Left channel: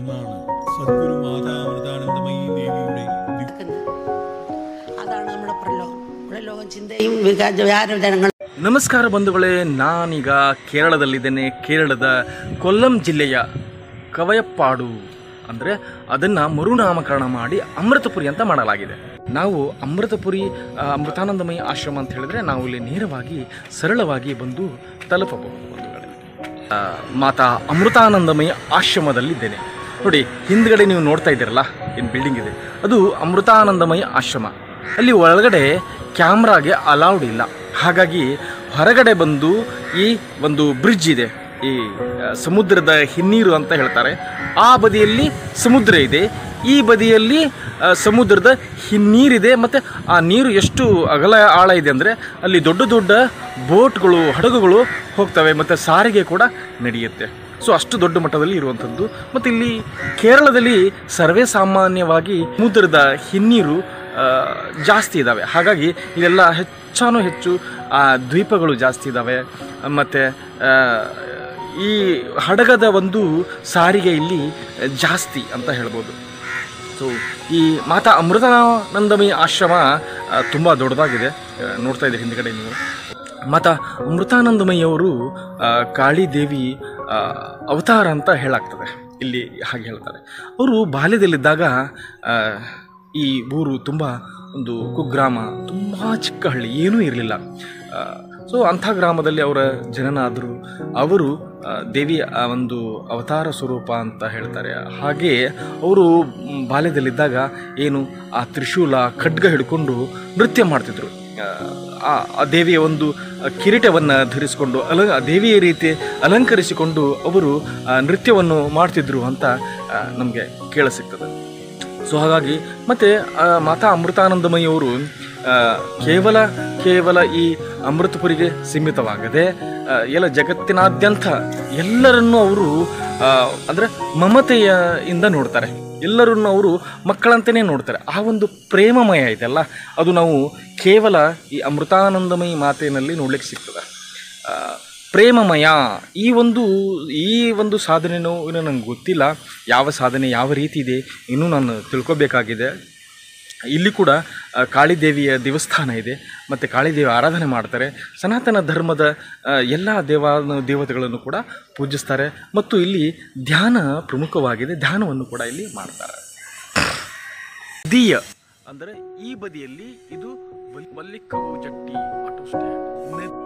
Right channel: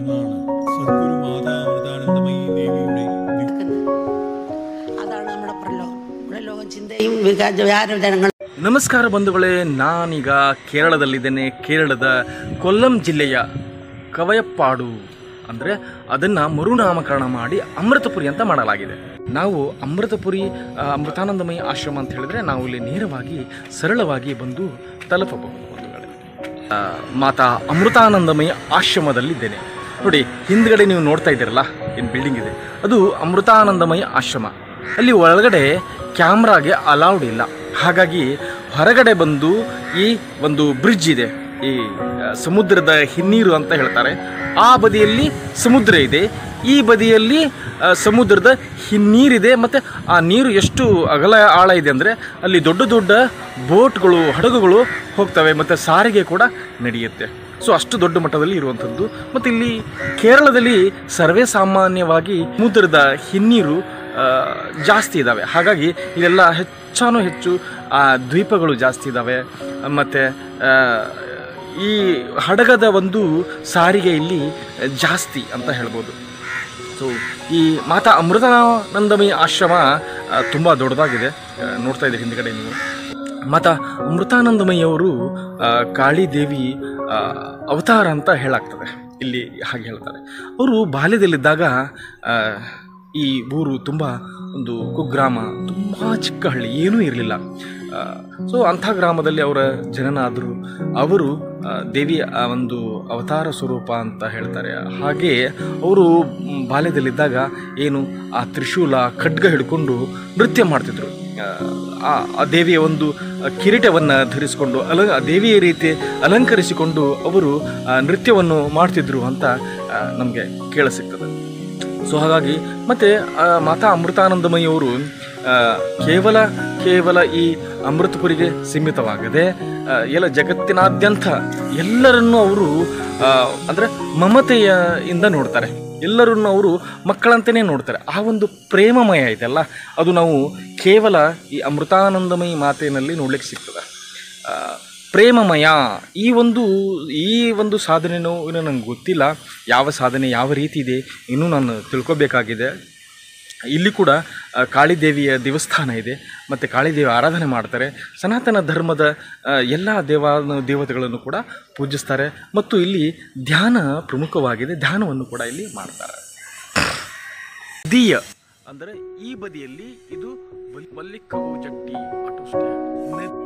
അന്നാണ് സദ്ഗുരു മാതാ അമൃതാനന്ദമയി ദേവിയുടെ ನಮಸ್ಕಾರ ಬಂಧುಗಳೇ, ನಾನೀಗ ಕೇರಳದಲ್ಲಿದ್ದೇನೆ. ಕೇರಳದ ಕೊಲ್ಲಂ ಜಿಲ್ಲೆಯ ಕವಯಪ್ಪಾಡು ಅಂದರೆ ಅದನ್ನು ಮರುನಾಮಕರಣ ಮಾಡಿ ಅಮೃತಪುರಿ ಅಂತ ಮಾಡಲಾಗಿದೆ. ನಾವು ಅಮೃತಪುರಿ ಅಮೃತಾನಂದಮಯಿ ಆಶ್ರಮ ಅಂತ ಹೇಳಿದ್ರೆ ನಾವು ಇಲ್ಲಿ ನೇರವಾಗಿ ಸರಳವಾಗಿ ಬಂದು ತಲುಪಬಹುದು. ಬಂಧುಗಳೇ, ಮಾತಾ ಅಮೃತಾನಂದಮಯಿ ಆಶ್ರಮದಲ್ಲಿದ್ದೇನೆ. ನೋಡಿ, ಹಿಂದ್ಗಡೆ ನೀವು ನೋಡ್ತಾ ಇದ್ದೀರಲ್ಲ, ಏನು ಬಿಲ್ಡಿಂಗ್ ಇದೆ, ಅದು ಅಮೃತಾನಂದಮಯಿ ಆಶ್ರಮ. ಅಲ್ಲಿ ಒಳಗಡೆ ಕ್ಯಾಮ್ರಾಗೆ ಅಲೌಡ್ ಇಲ್ಲ. ಹಾಗಾಗಿ ಹೊರಗಡೆ ಬಂದು ಈ ಒಂದು ಬ್ರಿಡ್ಜ್ ಇದೆ, ಈ ಸಮುದ್ರದ ಹಿನ್ನೀರು ಅಂತ ಹೇಳ್ತಾರೆ. ಆ ಬದಿಯಲ್ಲಿ ಸಮುದ್ರ ಇದೆ, ಈ ಬದಿಯಲ್ಲಿ ಸಮುದ್ರದ ಹಿನ್ನೀರಿದೆ. ಮತ್ತು ಆ ನೀರು ಎಷ್ಟು ಅಗಲ ಆಳ ಇದೆ ಅಂದರೆ ಅಲ್ಲಿ ದೊಡ್ಡ ದೊಡ್ಡ ಬೋಟ್ಗಳು, ಹಡಗುಗಳು ಹೋಗ್ತವೆ ಮತ್ತು ಸಾರಿಗೆ ಕೂಡ ನಡೆಯುತ್ತೆ. ಸೊ ಅಷ್ಟು ದೊಡ್ಡ ಮಟ್ಟದಲ್ಲಿ ಇರುವಂಥದ್ದು. ಮತ್ತು ಇಲ್ಲಿ ಕೇರಳದಲ್ಲಿ ಸರ್ವೇ ಸಾಮಾನ್ಯವಾಗಿ ಸಮುದ್ರದ ಹಿನ್ನೀರು ಜಾಸ್ತಿ ಇದ್ದಾವೆ. ಹಾಗಾಗಿ ಇಲ್ಲೆಲ್ಲ ಹೆಚ್ಚಾನು ಹೆಚ್ಚು ದ್ವೀಪಗಳು ಜಾಸ್ತಿ ಇದ್ದಾವೆ. ಮತ್ತು ಈ ಹಡಗದ ಒಂದು ಸಾರಿಗೆ ಇಲ್ಲಿ ಜಾಸ್ತಿ ಅಂತ ಹೇಳ್ಬೋದು. ಸೊ ಈ ಮಾತಾ ಅಮೃತಾನಂದಮಯಿ ಆಶ್ರಮ ತುಂಬ ದೊಡ್ಡದಾಗಿದೆ. ನೋಡ್ತಾ ಇದ್ದೀರಿ ಹಿಂದ್ಗಡೆ ನೀವು. ಮಾತಾ ಅಮೃತಾನಂದಮಯಿಯವರು ಕಾಳಿದೇವಿ ಅವತಾರ ಅಂತ ಹೇಳಾಗ್ತದೆ. ಇಲ್ಲಿ ಹಾಗೆ ಹೇಳ್ತಾರೆ. ಅವರು ಬಾಲ್ಯದಲ್ಲಿದ್ದಾಗ ಈ ಊರು ತುಂಬ ಒಂದು ಕುಗ್ರಾಮ, ತುಂಬ ಚಿಕ್ಕ ಹಳ್ಳಿ, ಏನೂ ಇರಲಿಲ್ಲ. ಸೊ ಅಂಥ ಗ್ರಾಮದಲ್ಲಿ ಅವರ ಜನನ ಆದರು. ಅವರು ದೇವಿಯ ಒಂದು ಅವತಾರ ಸ್ವರೂಪ ಅಂತ ಹೇಳ್ತಾರೆ. ಹಾಗೆ ಅವರು ಬಾಲ್ಯದಲ್ಲಿದ್ದಾಗ ಏನು ಆ ತ್ರಿಶೂಲ, ಖಡ್ಗ ಹಿಡ್ಕೊಂಡು ನೃತ್ಯ ಮಾಡ್ತಿದ್ರು. ಆ ದೇವಿಯ ಒಂದು ಕಿರೀಟವನ್ನು ಧರಿಸಿಕೊಂಡು ದೇವಿಯ ರೀತಿ ಅಲಂಕರಿಸಿಕೊಂಡು ಅವರು ನೃತ್ಯವನ್ನು ಮಾಡ್ತಿದ್ರು ಅಂತ ನಮಗೆ ಕೇಳಿಸಿಗ್ತದೆ. ಸೊ ಹಾಗಾಗಿ ಮತ್ತು ಮಾತಾ ಅಮೃತಾನಂದಮಯಿಯವರು ಕೇವಲ ಈ ಅಮೃತಪುರಿಗೆ ಸೀಮಿತವಾಗದೆ ಎಲ್ಲ ಜಗತ್ತಿನಾದ್ಯಂತ ಎಲ್ಲರನ್ನೂ ಅವರು ಅಂದರೆ ಮಮತೆಯಿಂದ ನೋಡ್ತಾರೆ. ಎಲ್ಲರನ್ನು ಅವರು ಮಕ್ಕಳಂತಲೇ ನೋಡ್ತಾರೆ. ಆ ಒಂದು ಪ್ರೇಮಮಯ ಇದೆಲ್ಲ, ಅದು ನಾವು ಕೇವಲ ಈ ಅಮೃತಾನಂದಮಯಿ ಮಾತೆಯಲ್ಲಿ ನೋಡ್ಲಿಕ್ಕೆ ಸಿಗ್ತದೆ. ಪ್ರೇಮಮಯ ಈ ಒಂದು ಸಾಧನೆಯೂ ಇನ್ನೂ ನನಗೆ ಗೊತ್ತಿಲ್ಲ. ಯಾವ ಸಾಧನೆ ಯಾವ ರೀತಿ ಇದೆ ಇನ್ನೂ ನಾನು ತಿಳ್ಕೊಬೇಕಾಗಿದೆ. ಇಲ್ಲಿ ಕೂಡ ಕಾಳಿದೇವಿಯ ದೇವಸ್ಥಾನ ಇದೆ ಮತ್ತು ಕಾಳಿದೇವಿ ಆರಾಧನೆ ಮಾಡ್ತಾರೆ. ಸನಾತನ ಧರ್ಮದ ಎಲ್ಲ ದೇವತೆಗಳನ್ನು ಕೂಡ ಪೂಜಿಸ್ತಾರೆ. ಮತ್ತು ಇಲ್ಲಿ ಧ್ಯಾನ ಪ್ರಮುಖವಾಗಿದೆ. ಧ್ಯಾನವನ್ನು ಕೂಡ ಇಲ್ಲಿ ಮಾಡ್ತಾರೆ. ದೀಯ ಅಂದರೆ ಈ ಬದಿಯಲ್ಲಿ ಇದು ಮಲ್ಲಿಕವು ಜಟ್ಟಿ ಆಟೋ ಸ್ಟ್ಯಾಂಡ್.